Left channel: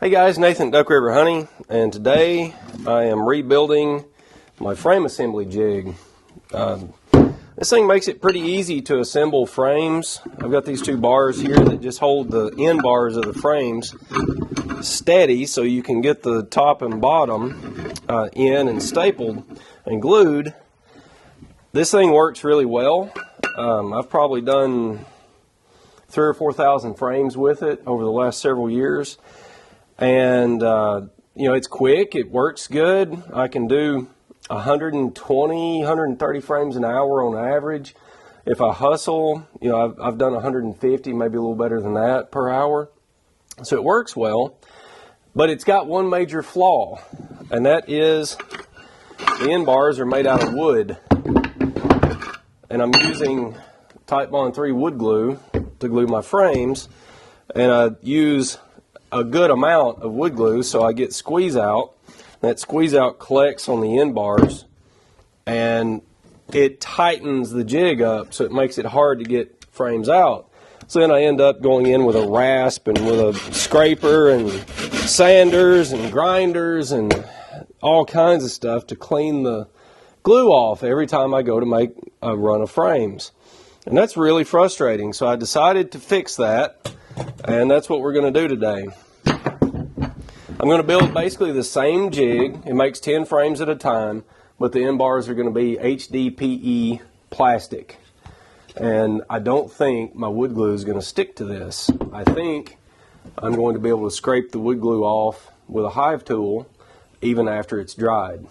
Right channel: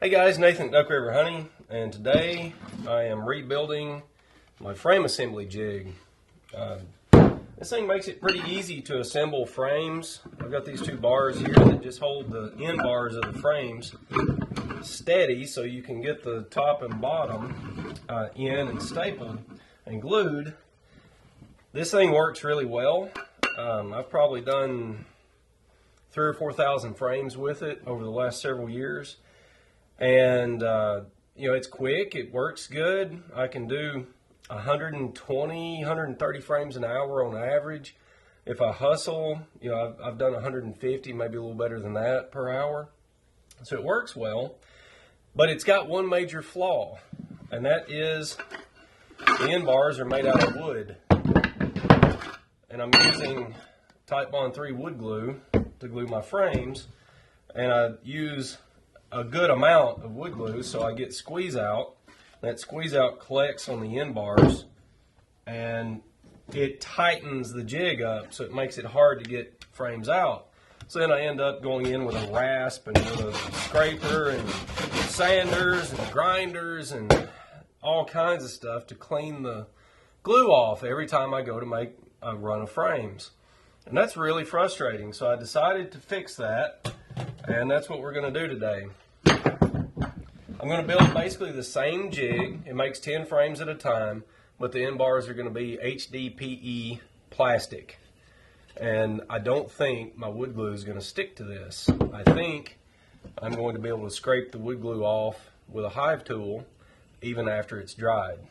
Hey guys, Nathan Duck River Honey, and today I am rebuilding my frame assembly jig. This thing makes it pretty easy to assemble frames. I've got these two bars here that just hold the end bars of the frames steady so you can get the top and bottom in and stapled and glued. This thing works really well. I've probably done 3,000 or 4,000 frames with it over the last several years. And, it's quick, it works good. I can do 120, 130 frames an hour on average. If I hustle, I've done 150, maybe a little better than that per hour. So it works well, but it's got one major flaw, and that is the end bars are made out of wood. And I'm using Titebond 3 wood glue to glue my frames, and I use a good amount of wood glue, so I get squeeze out. That squeeze out collects on the end bars and it tightens the jig up, so it makes it hard to get frames out. So then I end up going in with a rasp and with a scraper and sanders and grinders and all kinds of stuff to clean the glue off every time I go to make a run of frames. And that's really frustrating, so I decided to fix that. And that's what we're going to do today. I'm going to build basically the same jig. It makes 10 frames at a time, but the end bars are going to be HDPE plastic. And I don't think my wood glue is going to stick to this. I think I'm going to be able to scrape the wood glue off with a hive tool even after it's dried.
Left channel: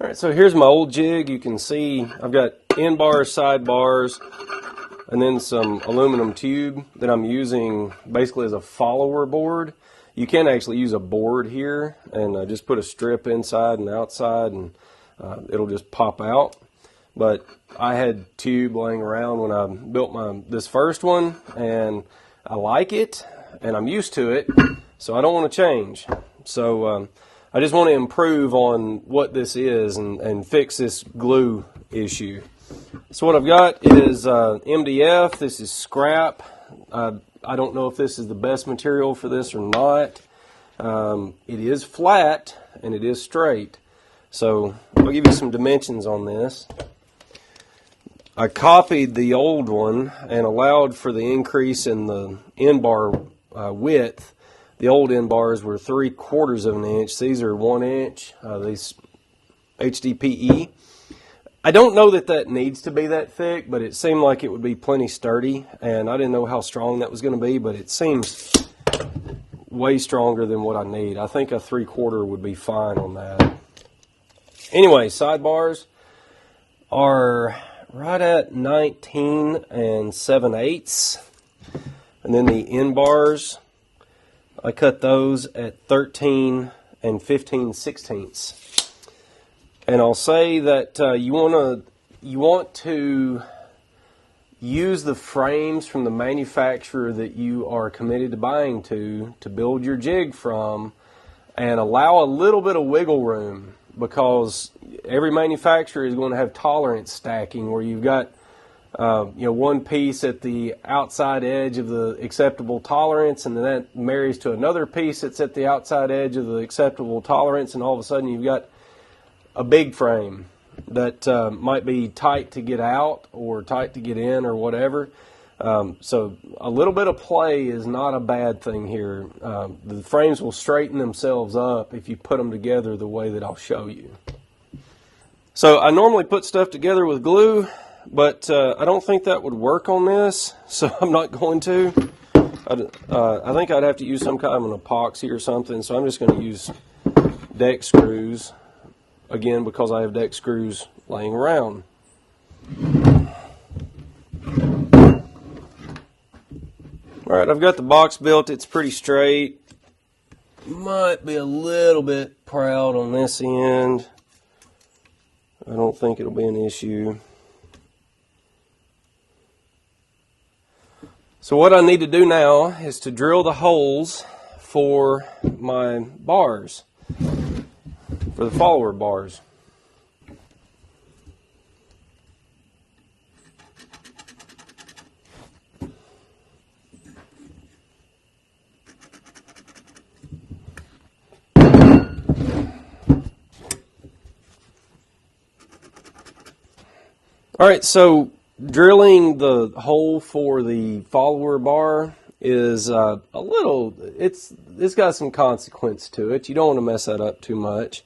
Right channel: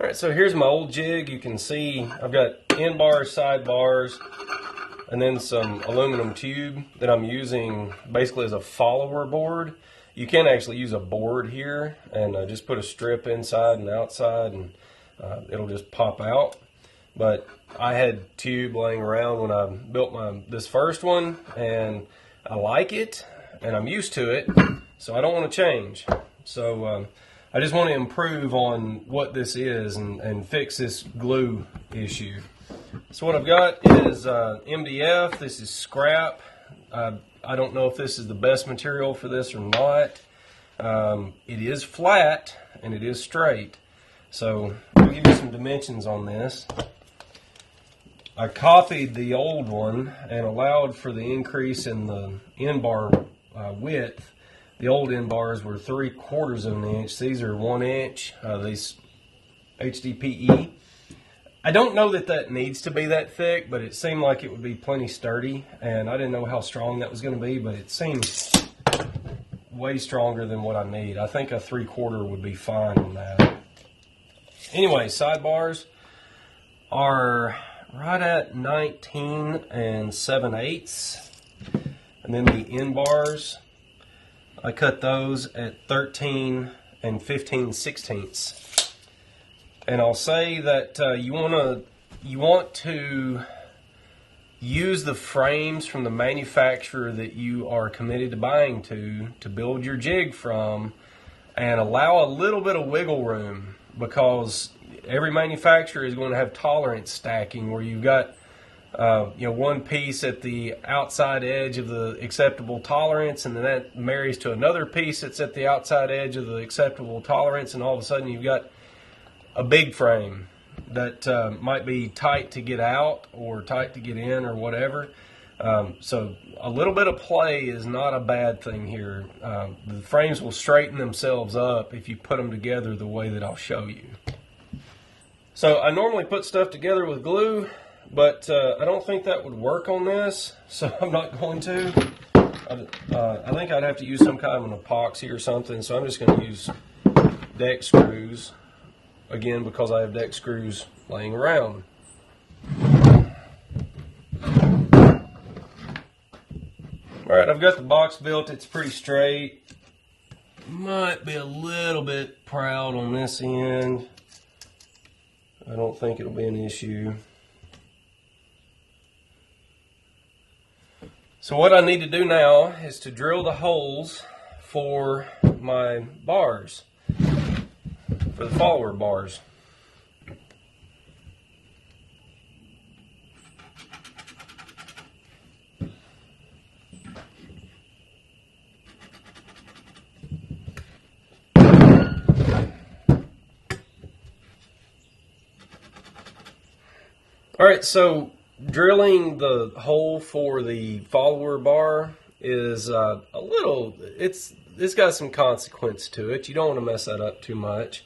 Alright, so here's my old jig. You can see I've got end bars, side bars, and then some aluminum tube that I'm using basically as a follower board. You can actually use a board here and just put a strip inside and outside, and it'll just pop out. But I had tube laying around when I built this first one, and I like it and I'm used to it, so I don't want to change. So I just want to improve on what this is and fix this glue issue. So what I've got is MDF. This is scrap. I don't know if this is the best material for this or not. It is flat and it is straight. So I'll give you some dimensions on this. I copied the old one and allowed for the increase in the end bar width. The old end bars were 3/4 of an inch. These are 1 inch. These HDPE. I don't know that needs to be that thick, but it seemed like it would be plenty sturdy, and I didn't know how strong that was going to be, but it seems way stronger than what I need. I think a 3/4 would be fine on that. Anyway, sidebars are right at 19 7/8, and then the end bars, I cut those at 13 15/16. And I'll say that you want to use the frames from the manufacturer that you are committed to buying to build your jig from, and allow a little bit of wiggle room, because every manufacturer is going to have tolerance stacking where you've got one piece at the outside edge of the acceptable tolerance, and then that marries to another piece that's at the outside edge of the acceptable tolerance, and all of a sudden you've got a big frame that might be tight to get out or tight to get in or whatever. So a little bit of play is not a bad thing here. The frames will straighten themselves up if you put them together the way that I'll show you. So I normally put stuff together with glue, but I don't think that would work on this, so I'm not going to. I think I'd have to use some kind of an epoxy or something, so I'm just going to use deck screws, again, because I have deck screws laying around. Alright, I've got the box built. It's pretty straight. Might be a little bit proud on this end. I don't think it'll be an issue. So what I need to do now is to drill the holes for my bars, for the follower bars. Alright, so drilling the hole for the follower bar is a little, it's got some consequence to it. You don't want to mess that up too much.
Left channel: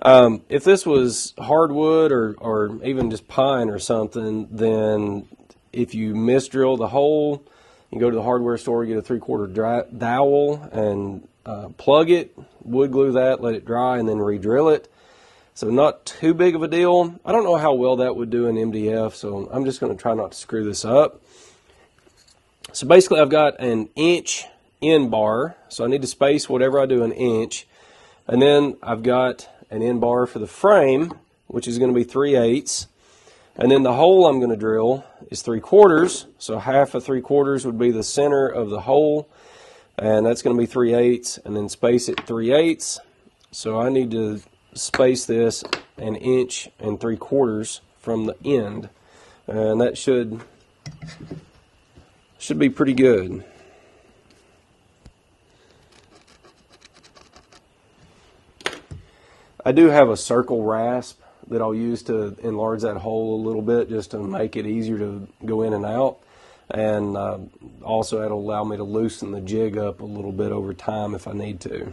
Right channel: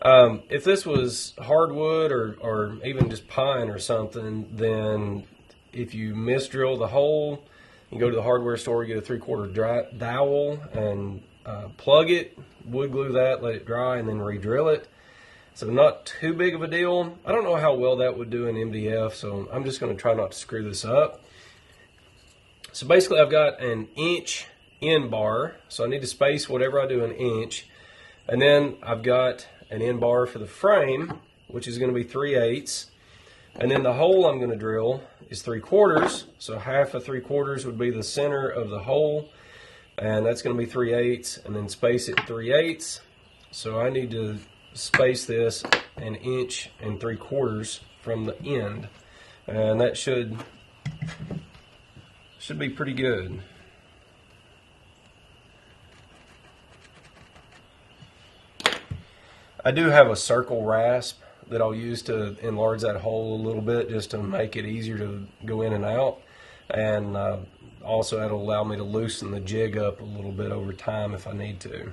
If this was hardwood or even just pine or something, then if you misdrill the hole, you go to the hardware store, you get a 3/4 dowel and plug it, wood glue that, let it dry, and then re-drill it. So not too big of a deal. I don't know how well that would do in MDF, so I'm just going to try not to screw this up. So basically I've got an inch end bar, so I need to space whatever I do an inch. And then I've got an end bar for the frame, which is going to be 3/8. And then the hole I'm going to drill is 3/4, so half of 3/4 would be the center of the hole, and that's going to be 3/8, and then space it 3/8. So I need to space this an inch and 3/4 from the end, and that should be pretty good. I do have a circle rasp that I'll use to enlarge that hole a little bit just to make it easier to go in and out, and also that'll allow me to loosen the jig up a little bit over time if I need to.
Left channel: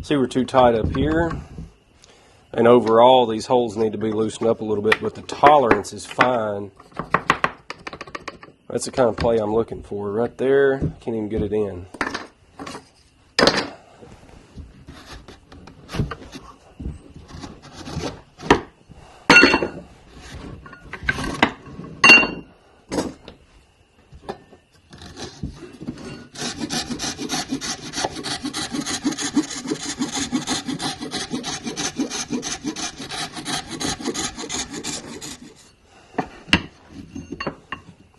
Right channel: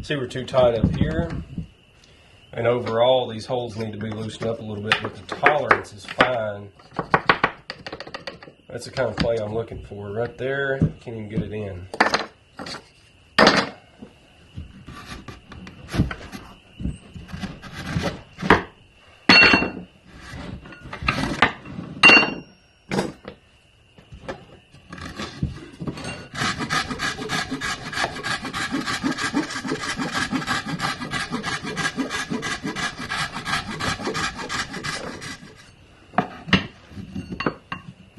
See, we're too tight up here, and overall these holes need to be loosened up a little bit, but the tolerance is fine. That's the kind of play I'm looking for right there. Can't even get it in.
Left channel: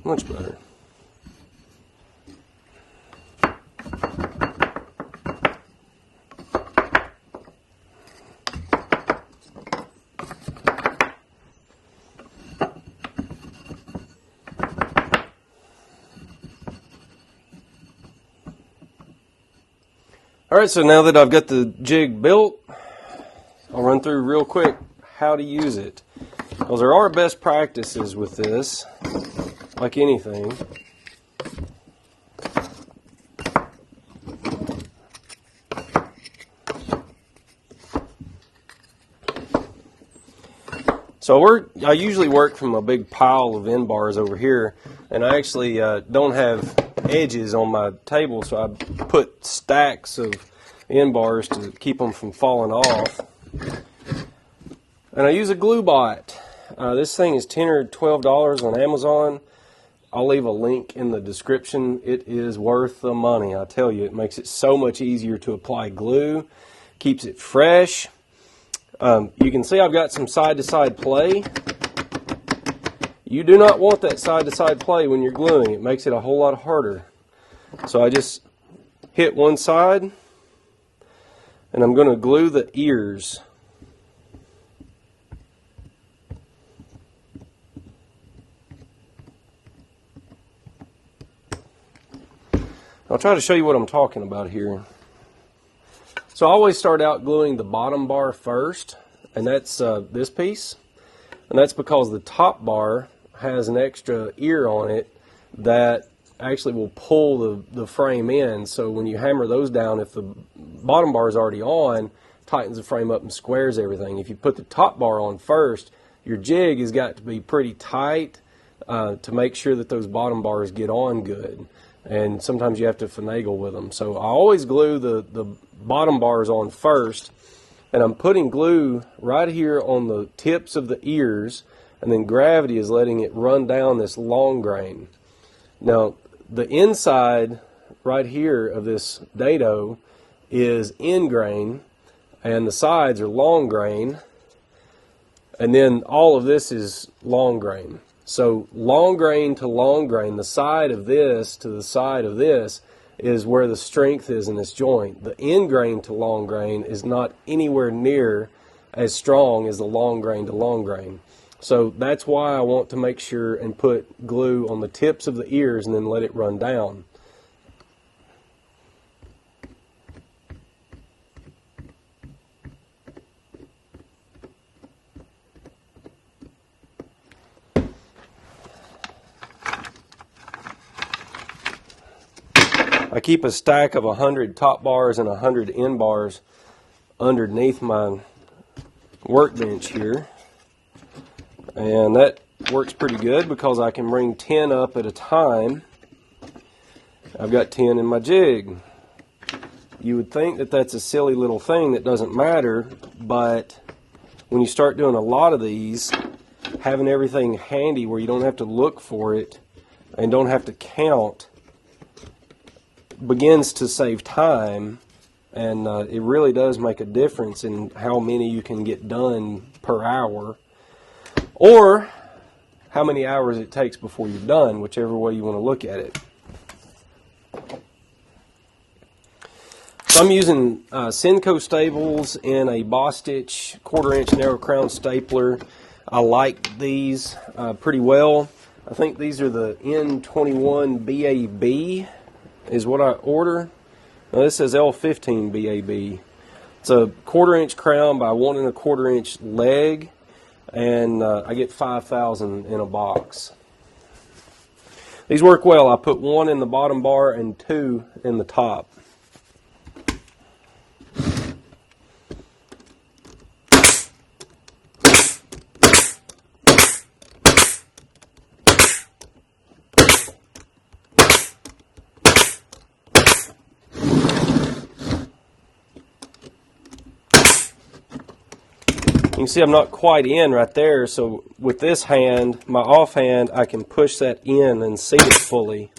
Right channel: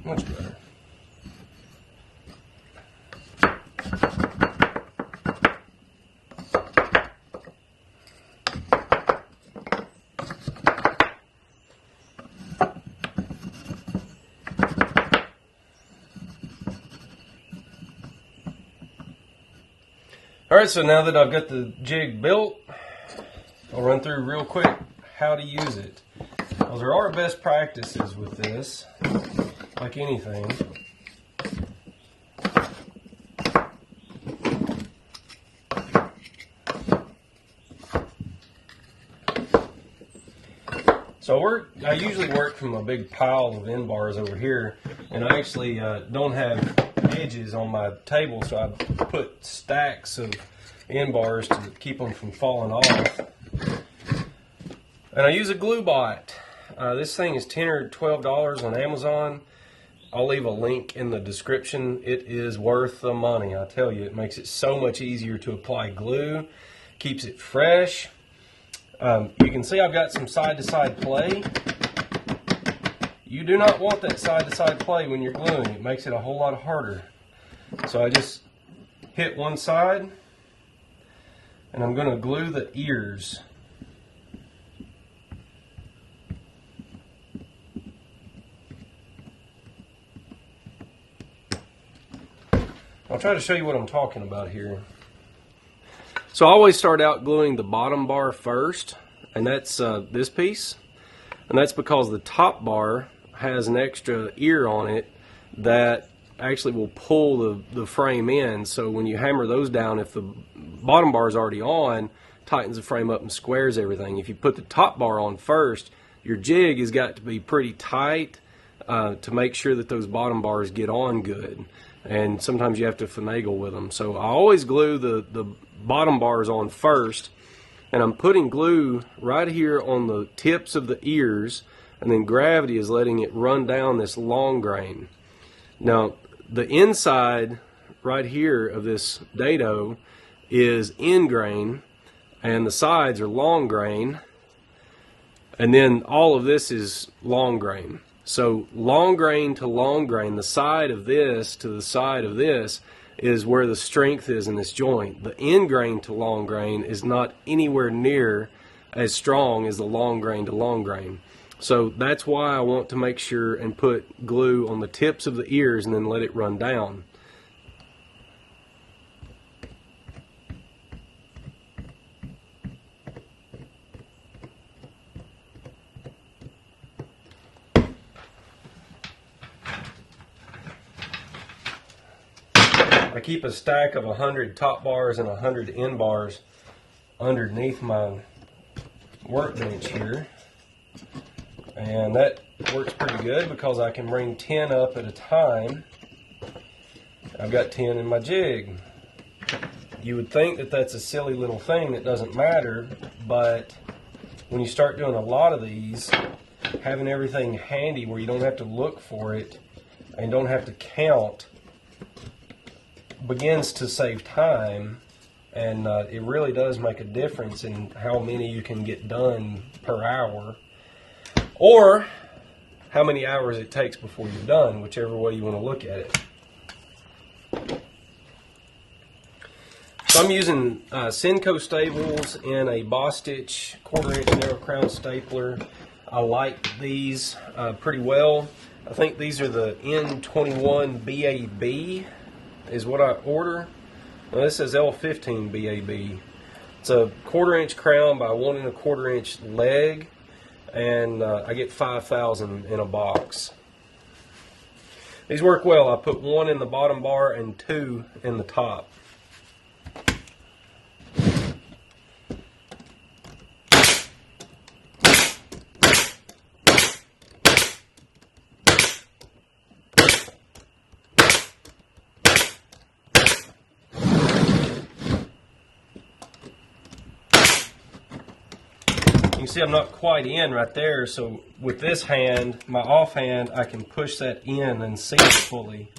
Much better. Alright, so now that I've got the jig built, I'll run through real quick how to use it. Because there are best practices with this, like anything. So I usually work from a big pile of end bars over here, and I actually don't have edges on my table, so I put stacks of end bars to keep them from falling off. And I use a glue bot. This thing is $10 or $12 on Amazon. I'll leave a link in the description. It is worth the money, I tell you. It makes it so much easier to apply glue, keeps it fresh. You can see I've got some side-to-side play. You do not want that side-to-side play when you're gluing. It makes it a whole lot harder. So I just hit one side, and I'm going to glue the ears. I'll try to show you what I'm talking about here. So I always start out gluing the bottom bar first, and that's this piece. And that's because the top bar has an extra ear on it that actually will pull the frame in. So when you hammer those down, if the bottom bar is already on, tightens the frame up and squares everything. If you put the top bar on first, your jig has got to be pretty tight to make sure that those bottom bars get on good. And sometimes you have to finagle with them. So I always glue the bottom bars on first, and I'm putting glue right here on the tips of the ears, and then gravity is letting it run down this long grain. Now the inside right here of this dado is end grain, and the sides are long grain, and then all of this is long grain. So long grain to long grain, the side of this to the side of this is where the strength is in this joint. The end grain to long grain is not anywhere near as strong as the long grain to long grain. So that's why I want to make sure and put glue on the tips of the ears and then let it run down. I keep a stack of 100 top bars and 100 end bars underneath my workbench here, and that works pretty good because I can bring 10 up at a time. I've got 10 in my jig. You would think that that's a silly little thing that doesn't matter, but when you start doing a lot of these, having everything handy where you don't have to look for it and don't have to count begins to save time, and it really does make a difference in how many you can get done per hour, or how many hours it takes before you're done, whichever way you want to look at it. So I'm using Senco staples and a Bostitch 1/4 inch narrow crown stapler. I like these pretty well. I think these are the N21 BAB is what I order. Now this says L15 BAB. It's a 1/4 inch crown by 1 1/4 inch leg, and I get 5,000 in a box. These work well. I put 1 in the bottom bar and 2 in the top. You can see I'm not quite in right there, so with this hand, my off hand, I can push that in and see it fully.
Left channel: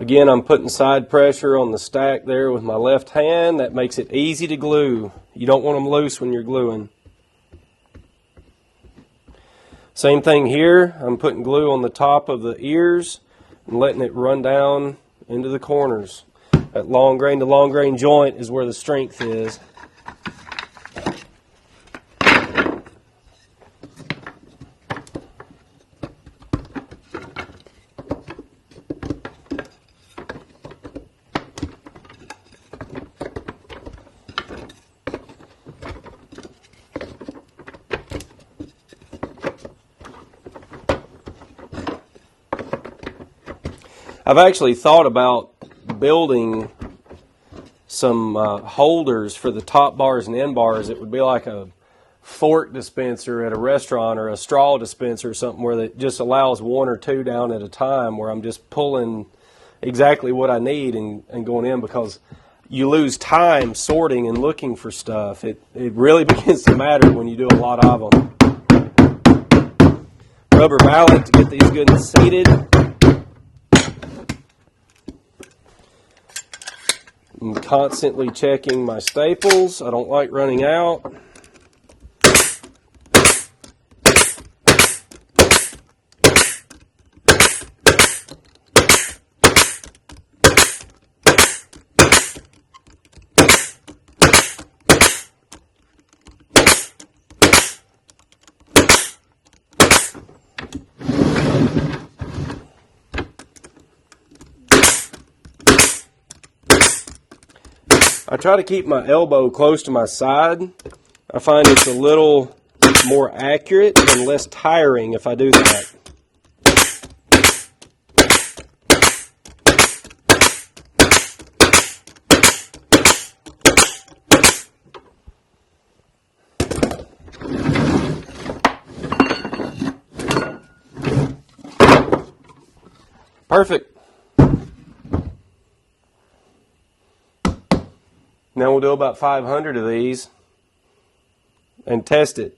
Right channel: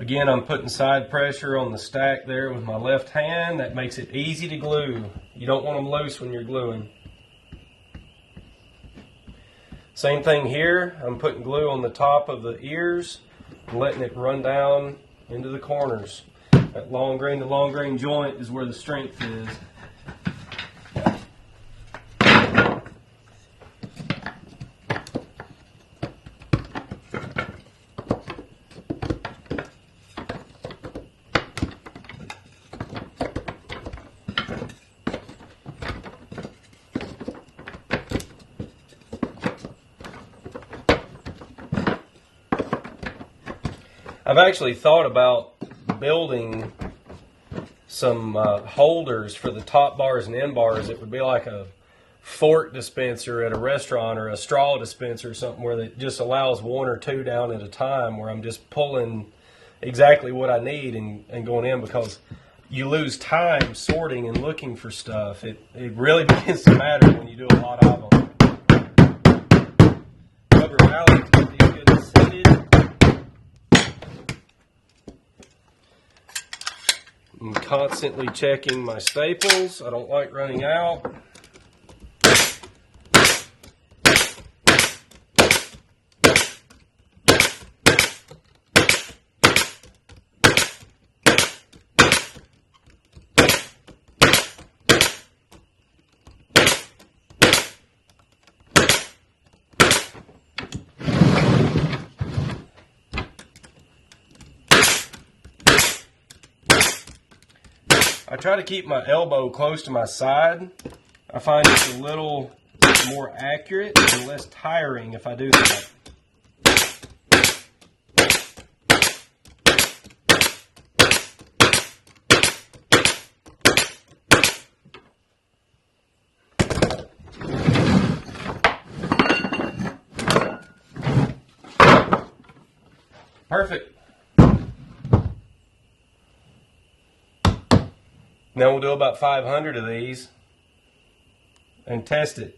Again, I'm putting side pressure on the stack there with my left hand. That makes it easy to glue. You don't want them loose when you're gluing. Same thing here. I'm putting glue on the top of the ears and letting it run down into the corners. That long grain to long grain joint is where the strength is. I've actually thought about building some holders for the top bars and end bars. It would be like a fork dispenser at a restaurant or a straw dispenser or something where it just allows one or two down at a time, where I'm just pulling exactly what I need and going in, because you lose time sorting and looking for stuff. It really begins to matter when you do a lot of them. Rubber mallet to get these good and seated. I'm constantly checking my staples. I don't like running out. I try to keep my elbow close to my side. I find it's a little more accurate and less tiring if I do that. Perfect. Now we'll do about 500 of these and test it.